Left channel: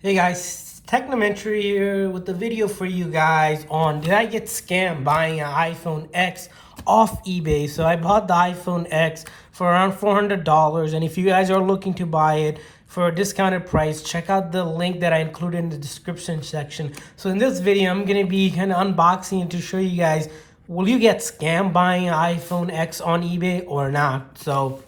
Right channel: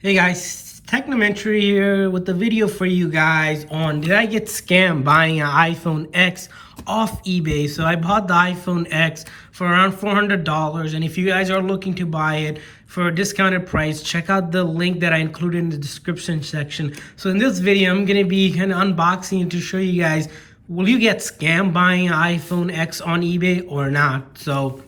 Hey guys, Technomentary here with the video for you guys on did I get scammed buying an iPhone X off eBay. So I bought the iPhone X for around $400, and if you guys are looking to buy it for a discounted price, check out the link that I included in the description section. So in this video, I'm going to be kind of unboxing it to show you guys, will you get scammed buying an iPhone X on eBay or not? So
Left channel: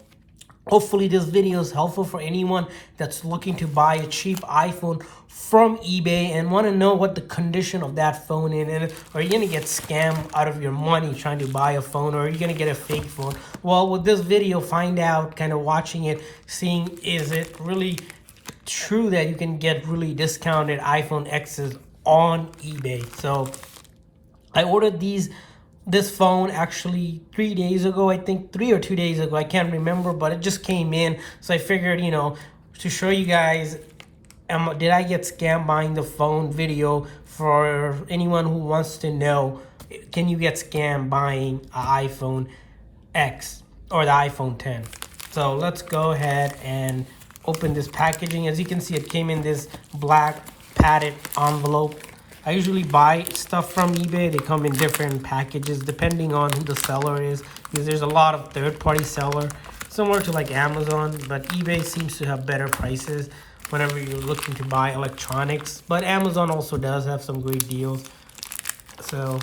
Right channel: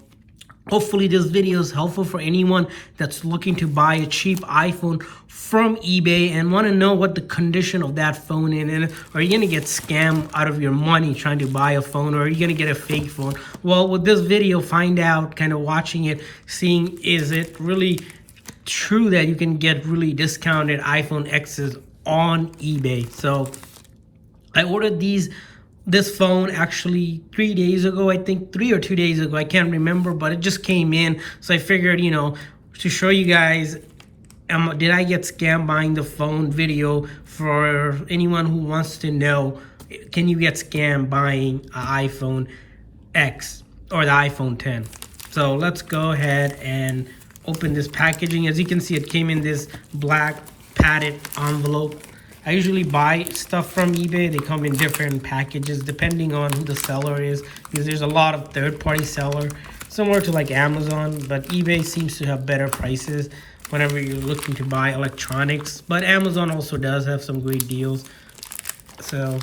hopefully this video is helpful for anyone that's looking to buy a cheap iPhone from eBay and want to know what the condition of that phone is. And are you going to get scammed out of your money trying to buy a phone, or are you going to get a fake phone? Well, with this video, find out, kind of watching it, seeing is it really true that you can get really discounted iPhone X's on eBay. So I ordered this phone actually 3 days ago, I think 3 or 2 days ago, I can't remember, but it just came in. So I figured, to show you guys, did I get scammed buying the phone video for anyone who wants to know, can you get scammed buying an iPhone X or the iPhone 10? So let's go ahead and open this packaging. As you can see, it came in this black padded envelope. I usually buy stuff from eBay. They come in different packages depending on who the seller is, because there's a lot of third-party seller, similar to like Amazon, but eBay seems to have better prices whenever you're looking to buy electronics. But Amazon also does have some great deals. So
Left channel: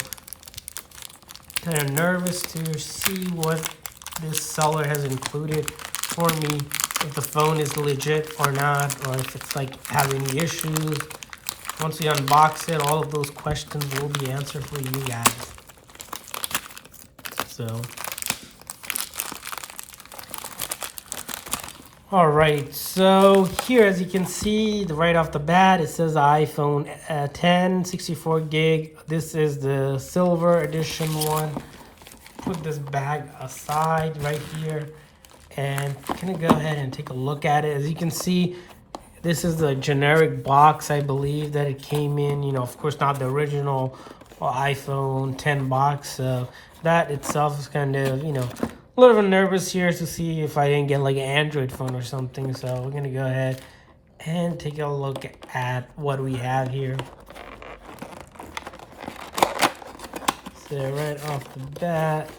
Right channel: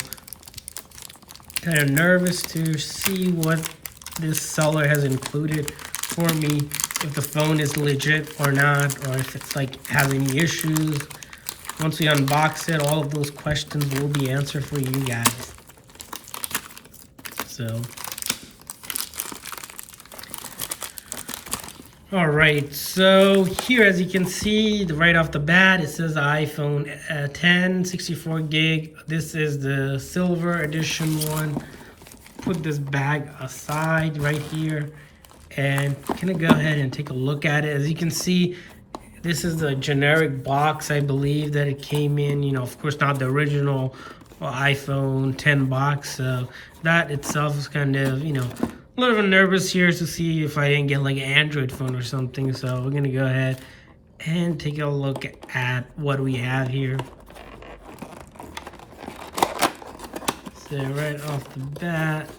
kind of nervous to see what this seller has included for me, if the phone is legit or not, or if it's like have any issues. Once we unbox it, all of those questions will be answered for you guys. So, all right. So here, as you can see, right off the bat, it says iPhone 10, 64 gig. This is the silver edition one. Put this bag aside right here, and I'm gonna go ahead and take a look at it. As you can see, this is the generic box, I believe, that it came in. Of course, not the original iPhone 10 box. So that itself is kind of, a little bit nervous here to see if I didn't get like an Android phone or something. So we're going to go ahead and take a look at what we have here. So right off the bat.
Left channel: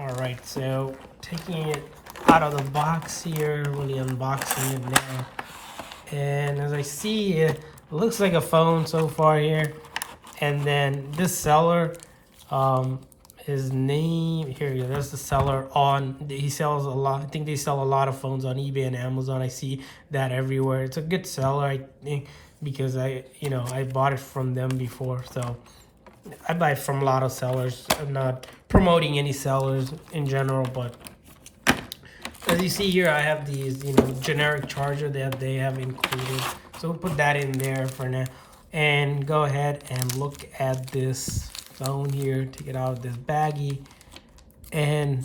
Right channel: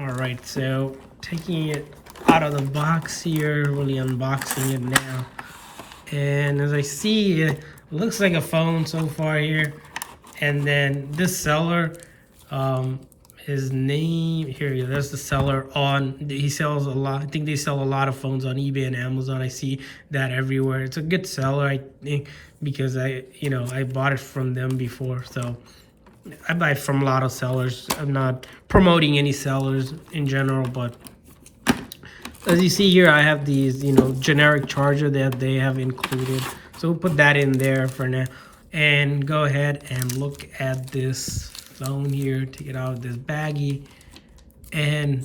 All right, so taking it out of the box here, really unboxing it now, and as I see, it looks like a phone so far here. And then this seller, his name here, there's the seller he sells a lot. I think they sell a lot of phones on eBay and Amazon. I see that everywhere. It's a good seller, I think, because I bought it from them before. So I buy it from a lot of sellers. I'm not promoting any sellers in general, but as you see here, I have these, generic charger that they have included. So we'll put that in there for now. And go ahead and look at this phone here. Take it out of this baggie. And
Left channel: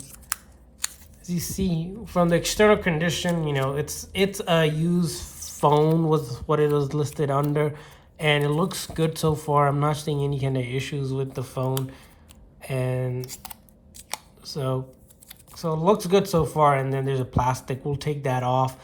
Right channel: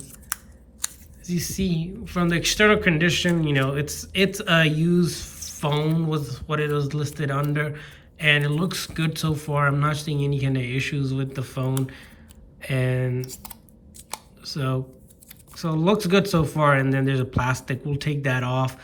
as you see, from the external condition, it's a used phone was what it was listed under. And it looks good so far. I'm not seeing any kind of issues with the phone. And so it looks good so far. And then there's a plastic. We'll take that off.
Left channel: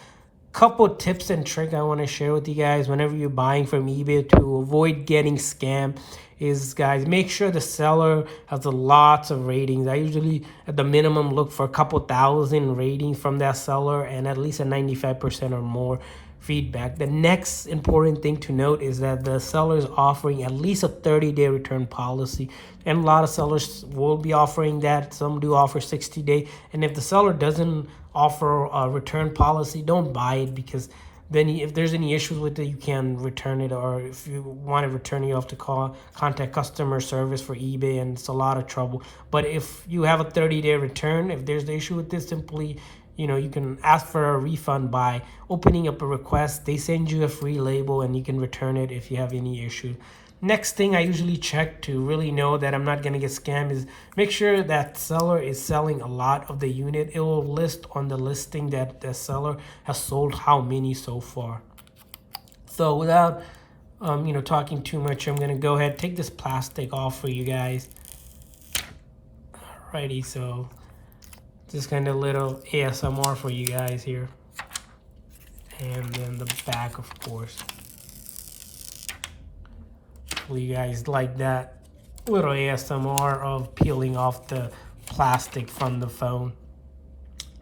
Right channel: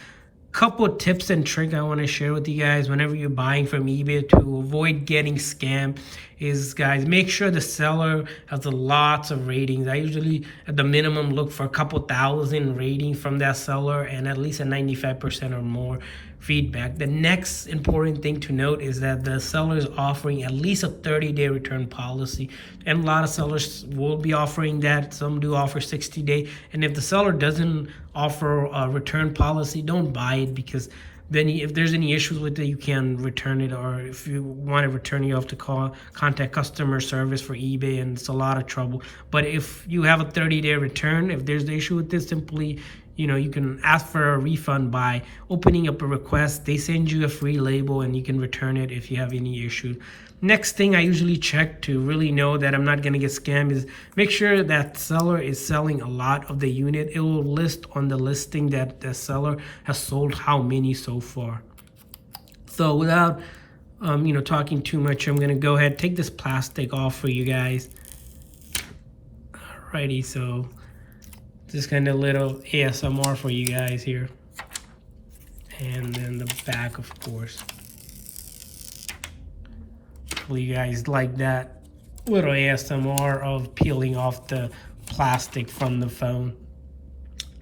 Couple tips and tricks I want to share with you guys whenever you're buying from eBay to avoid getting scammed is, guys, make sure the seller has lots of ratings. I usually, at the minimum, look for a couple thousand ratings from that seller and at least a 95% or more feedback. The next important thing to note is that the seller is offering at least a 30-day return policy, and a lot of sellers will be offering that. Some do offer 60-day, and if the seller doesn't offer a return policy, don't buy it, because then if there's any issues with it, you can return it, or if you want to return it, you have to contact customer service for eBay, and it's a lot of trouble. But if you have a 30-day return, if there's the issue with this, simply you can ask for a refund by opening up a request. They send you a free label and you can return it if you have any issue. Next thing I usually check to really know that I'm not going to get scammed is make sure that seller is selling a lot of the unit. It will list on the listing that the seller has sold how many so far. So without talking too much, I'm going to go ahead, take this plastic off for you guys. Alrighty, so this kind of little ASMR for you guys here. And then the back, of course. Hopefully you guys like that little ASMR of peeling off the plastic from the phone.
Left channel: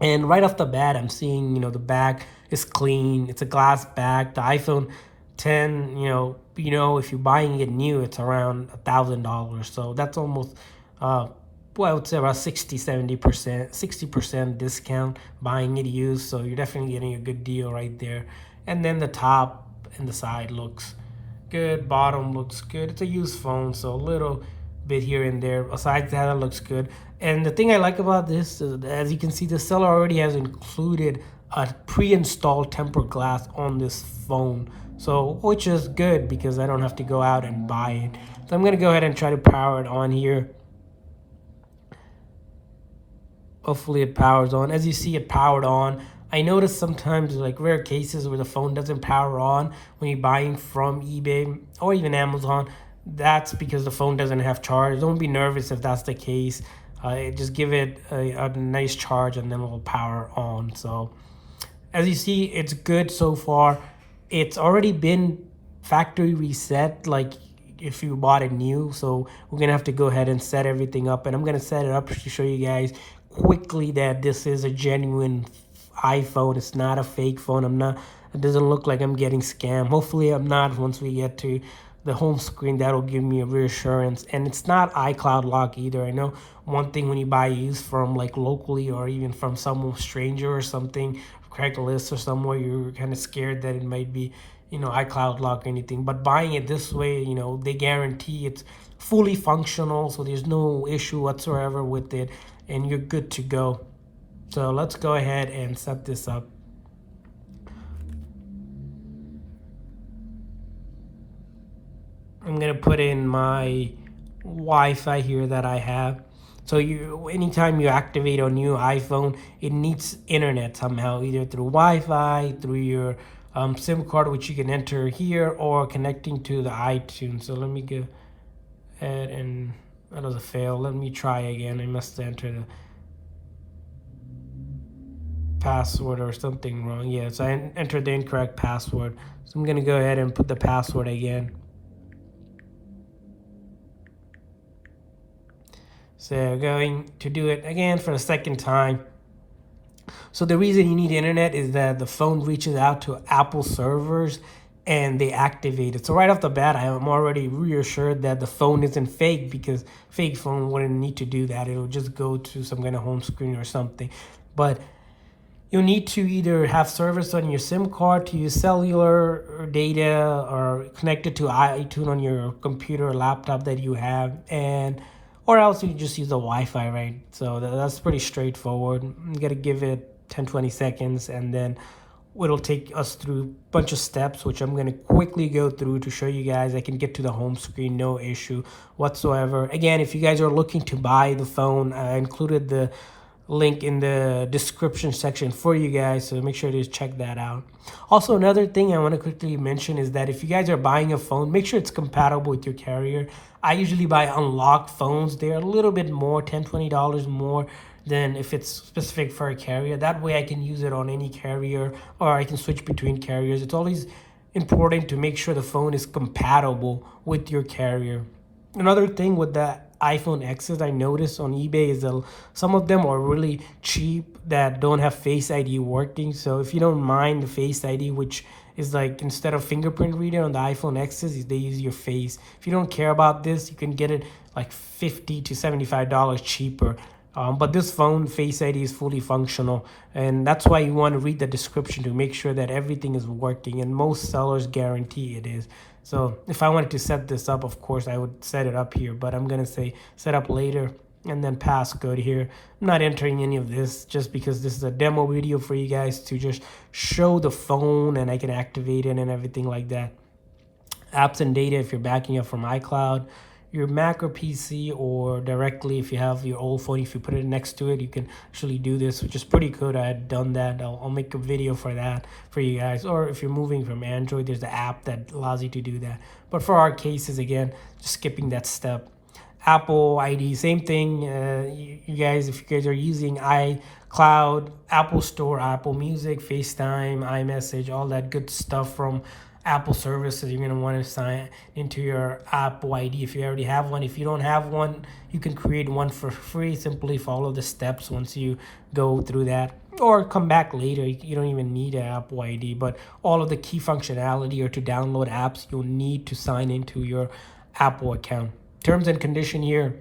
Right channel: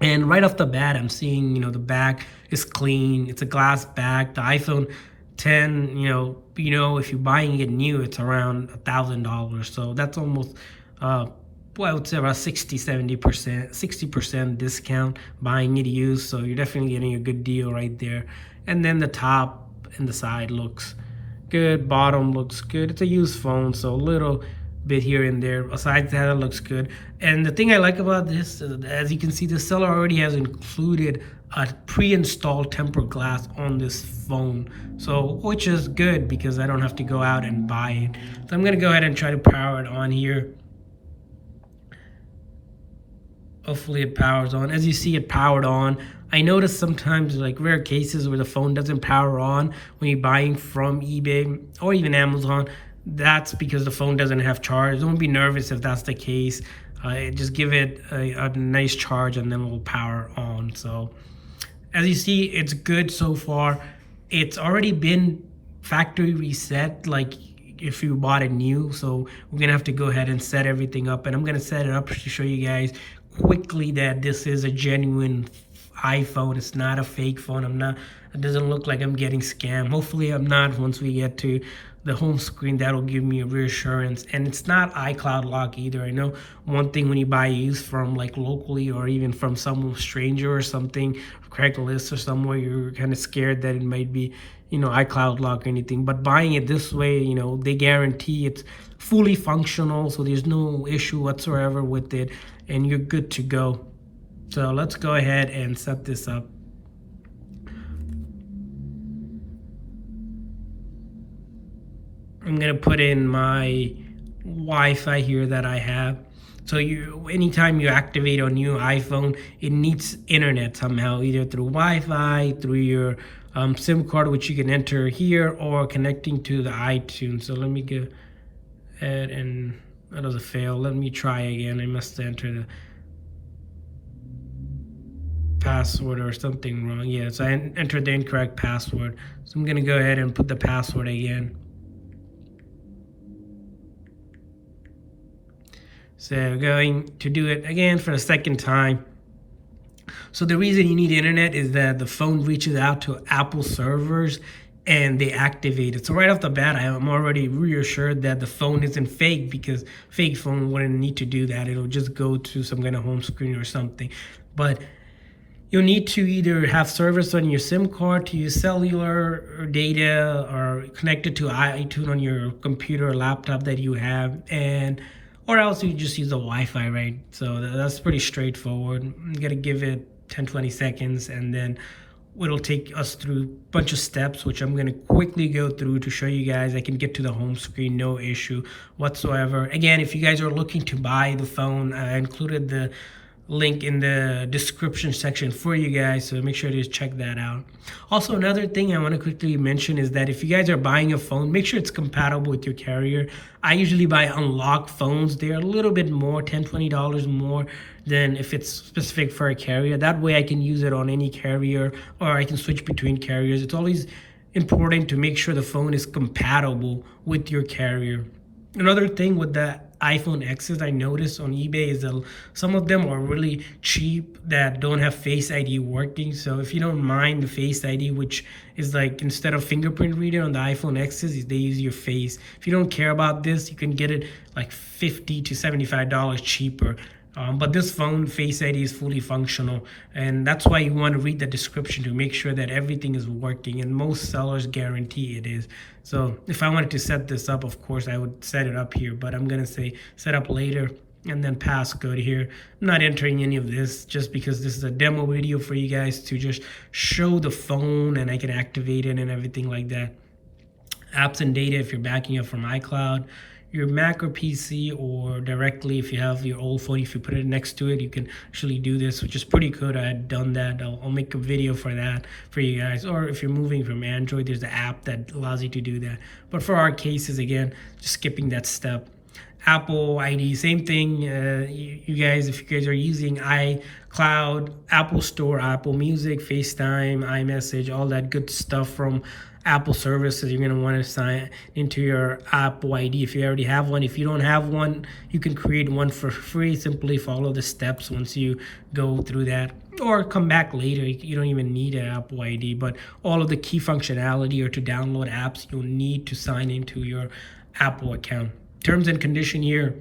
And right off the bat, I'm seeing, the back is clean. It's a glass back. The iPhone 10, if you're buying it new, it's around $1,000. So that's almost, I would say about 60% discount buying it used. So you're definitely getting a good deal right there. And then the top and the side looks good. Bottom looks good. It's a used phone, so a little bit here and there. Besides that, it looks good. And the thing I like about this is, as you can see, the seller already has included a pre-installed tempered glass on this phone, so which is good because I don't have to go out and buy it. So I'm gonna go ahead and try to power it on here. Hopefully it powers on. As you see, it powered on. I notice sometimes, like rare cases where the phone doesn't power on when you're buying from eBay or even Amazon. That's because the phone doesn't have charge. Don't be nervous if that's the case. Just give it a nice charge and then it will power on. So as you see, it's good so far. It's already been factory reset, like if you bought it new. So we're gonna have to go ahead and set everything up, and I'm gonna set it up to show you guys quickly that this is a genuine iPhone. It's not a fake phone. It doesn't look like I'm getting scammed. Hopefully I'm not. Once we get to the home screen, that'll give me a reassurance. And it's not iCloud lock either. I know one thing when you buy used from like locally or even from some stranger or something, Craigslist or somewhere, you're kind of scared that it might be, iCloud lock or anything. But buying it this way, they guarantee it's fully functional, so there's no issue whatsoever with it, and you're good to go. So let's go ahead and set this up. I'm gonna put in my Wi-Fi here that I have. So anytime you activate a new iPhone, it needs internet somehow, either through Wi-Fi, through your SIM card, which you can enter here, or connecting to the iTunes. So let me go ahead and, that was a fail. Let me try again. I must enter the password or something wrong. Yeah, so I entered the incorrect password. So I'm gonna go ahead and put the password again. So going to do it again for the second time. So the reason you need internet is that the phone reaches out to Apple servers and they activate it. So right off the bat, I am already reassured that the phone isn't fake, because fake phone wouldn't need to do that. It'll just go to some kind of home screen or something. But you'll need to either have service on your SIM card to use cellular data, or connect it to iTunes on your computer or laptop that you have, or else you just use the Wi-Fi, right? So that's pretty straightforward. You gotta give it 10-20 seconds, and then it'll take us through a bunch of steps, which I'm gonna quickly go through to show you guys. I can get to the home screen, no issue whatsoever. Again, if you guys are looking to buy the phone, I included the link in the description section for you guys, so make sure to check that out. Also, another thing I want to quickly mention is that if you guys are buying a phone, make sure it's compatible with your carrier. I usually buy unlocked phones. They're a little bit more, $10-20 more than if it's specific for a carrier. That way I can use it on any carrier, or I can switch between carriers. It's always important to make sure the phone is compatible with your carrier. Another thing with the iPhone X's I noticed on eBay is that some of them are really cheap that don't have Face ID working. So if you don't mind the Face ID, which is like instead of fingerprint reader on the iPhone X's, they use your face. If you don't care about this, you can get it like $50 to $75 cheaper. But this phone, Face ID is fully functional, and that's why you want to read the description to make sure that everything is working, and most sellers guarantee it is. So if I wanted to set this up, of course, I would set it up here, but I'm going to say set up later and then passcode here. I'm not entering any of this just because this is a demo video for you guys to just show the phone and I can activate it and everything like that. Apps and data, if you're backing up from iCloud, your Mac or PC, or directly if you have your old phone, if you put it next to it, you can actually do this, which is pretty good. I had done that. I'll make a video for that for you guys. Or if you're moving from Android, there's an app that allows you to do that. But for our cases, again, just skipping that step. Apple ID, same thing. You guys, if you guys are using iCloud, Apple Store, Apple Music, FaceTime, iMessage, all that good stuff from Apple services, you're going to want to sign into your Apple ID if you already have one. If you don't have one, you can create one for free. Simply follow the steps once you go through that, or come back later. You don't even need an Apple ID, but all of the key functionality or to download apps, you'll need to sign into your Apple account. Terms and condition here,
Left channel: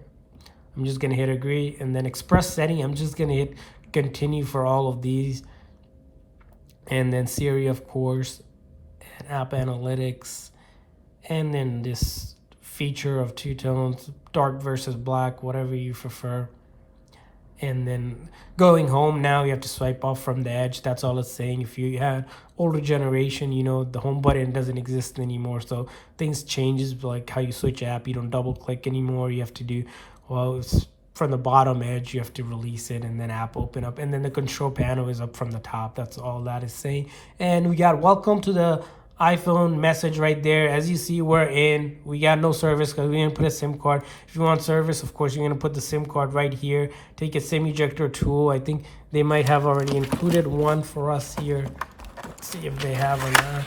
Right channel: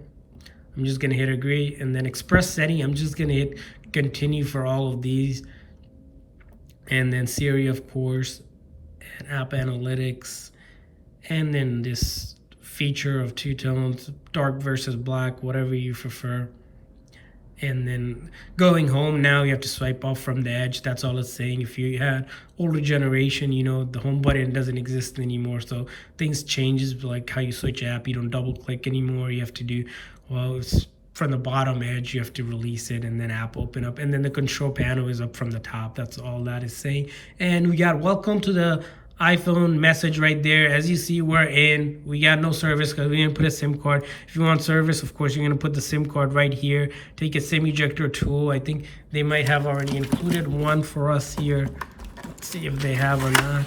I'm just going to hit agree, and then express setting, I'm just going to hit continue for all of these, and then Siri, of course, and app analytics, and then this feature of two tones, dark versus black, whatever you prefer. And then going home, now you have to swipe off from the edge. That's all it's saying. If you had older generation, you know, the home button doesn't exist anymore. So things changes, like how you switch app. You don't double click anymore. You have to do, well, it's from the bottom edge. You have to release it and then app open up. And then the control panel is up from the top. That's all that is saying. And we got welcome to the iPhone message right there. As you see, we got no service because we didn't put a SIM card. If you want service, of course, you're going to put the SIM card right here. Take a SIM ejector tool. I think they might have already included one for us here. Let's see if they have or not.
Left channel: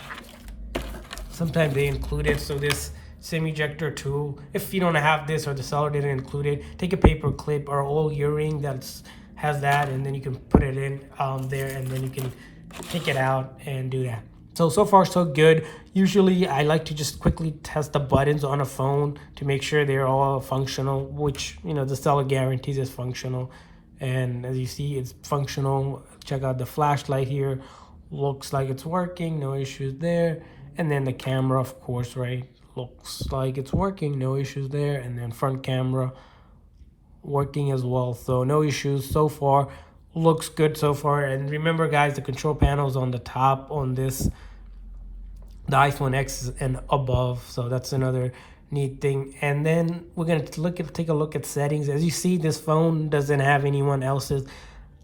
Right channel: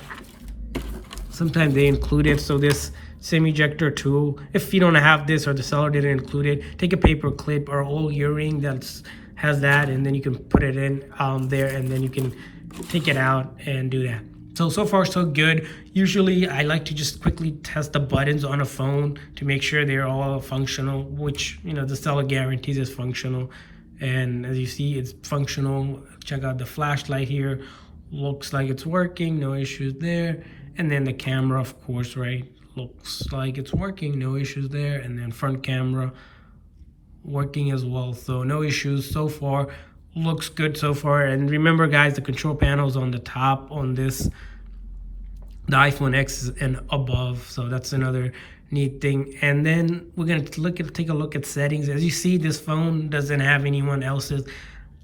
Sometimes they include it. So this SIM ejector tool, if you don't have this or the seller didn't include it, take a paper clip or old earring that has that, and then you can put it in there, and then you can take it out and do that. So far so good. Usually I like to just quickly test the buttons on a phone to make sure they're all functional, which, you know, the seller guarantees is functional. And as you see, it's functional. Check out the flashlight here. Looks like it's working, no issues there. And then the camera, of course, right? Looks like it's working, no issues there. And then front camera working as well. So no issues so far. Looks good so far. And remember, guys, the control panel is on the top on this, the iPhone X and above. So that's another neat thing. And then we're going to take a look at settings. As you see, this phone doesn't have anyone else's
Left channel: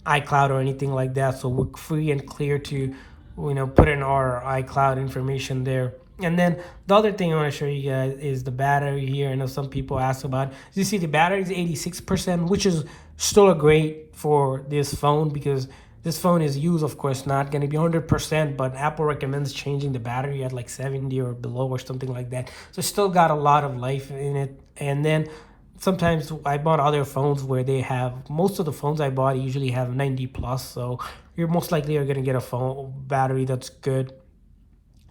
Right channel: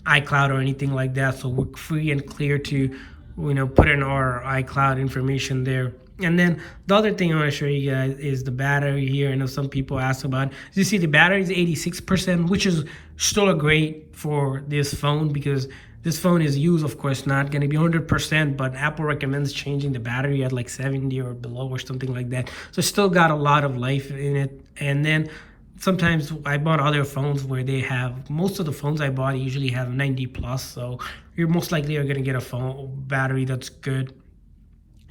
iCloud or anything like that. So we're free and clear to, you know, put in our iCloud information there. And then the other thing I want to show you guys is the battery here. I know some people ask about it. As you see, the battery is 86%, which is still a great for this phone, because this phone is used, of course, not going to be 100%, but Apple recommends changing the battery at like 70 or below or something like that. So it's still got a lot of life in it. And then sometimes I bought other phones where they have, most of the phones I bought usually have 90 plus. So you're most likely are going to get a phone battery that's good.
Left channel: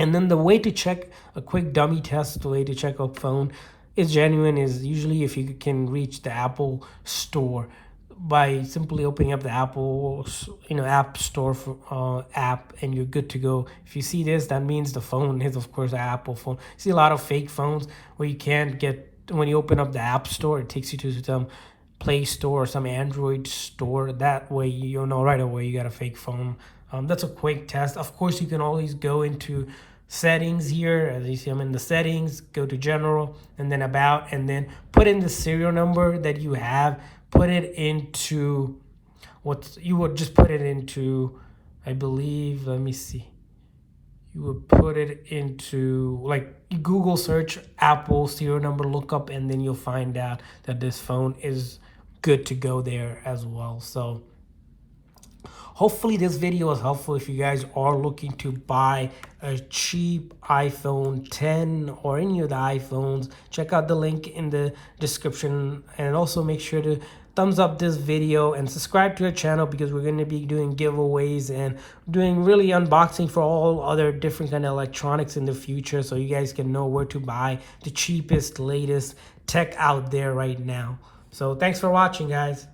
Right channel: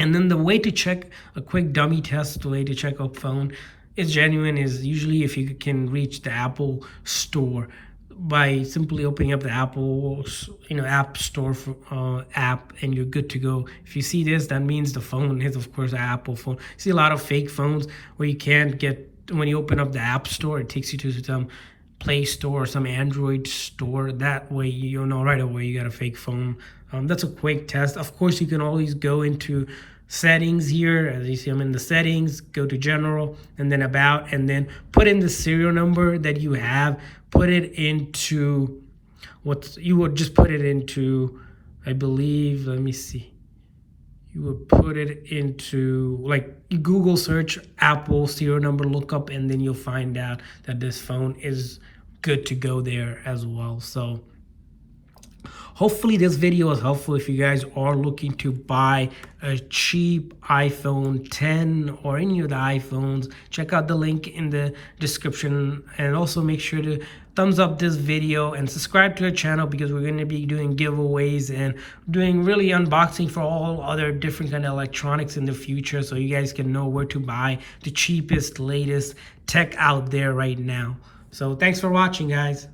And then the way to check, a quick dummy test, the way to check a phone is genuine is usually if you can reach the Apple Store by simply opening up the Apple, you know, App Store app, and you're good to go. If you see this, that means the phone is, of course, an Apple phone. You see a lot of fake phones where you can't get, when you open up the App Store, it takes you to some Play Store or some Android store. That way, you'll know right away you got a fake phone. That's a quick test. Of course, you can always go into settings here. As you see, I'm in the settings, go to general, and then about, and then put in the serial number that you have. Put it into what you would just put it into, I believe, let me see. You would put it into, like, you Google search Apple serial number lookup, and then you'll find out that this phone is good to go there as well. So hopefully this video was helpful if you guys are looking to buy a cheap iPhone 10 or any of the iPhones. Check out the link in the description, and also make sure to thumbs up this video and subscribe to our channel, because we're going to be doing giveaways and doing really unboxing for all other different kind of electronics in the future, so you guys can know where to buy the cheapest, latest tech out there right now. So thanks for watching, guys.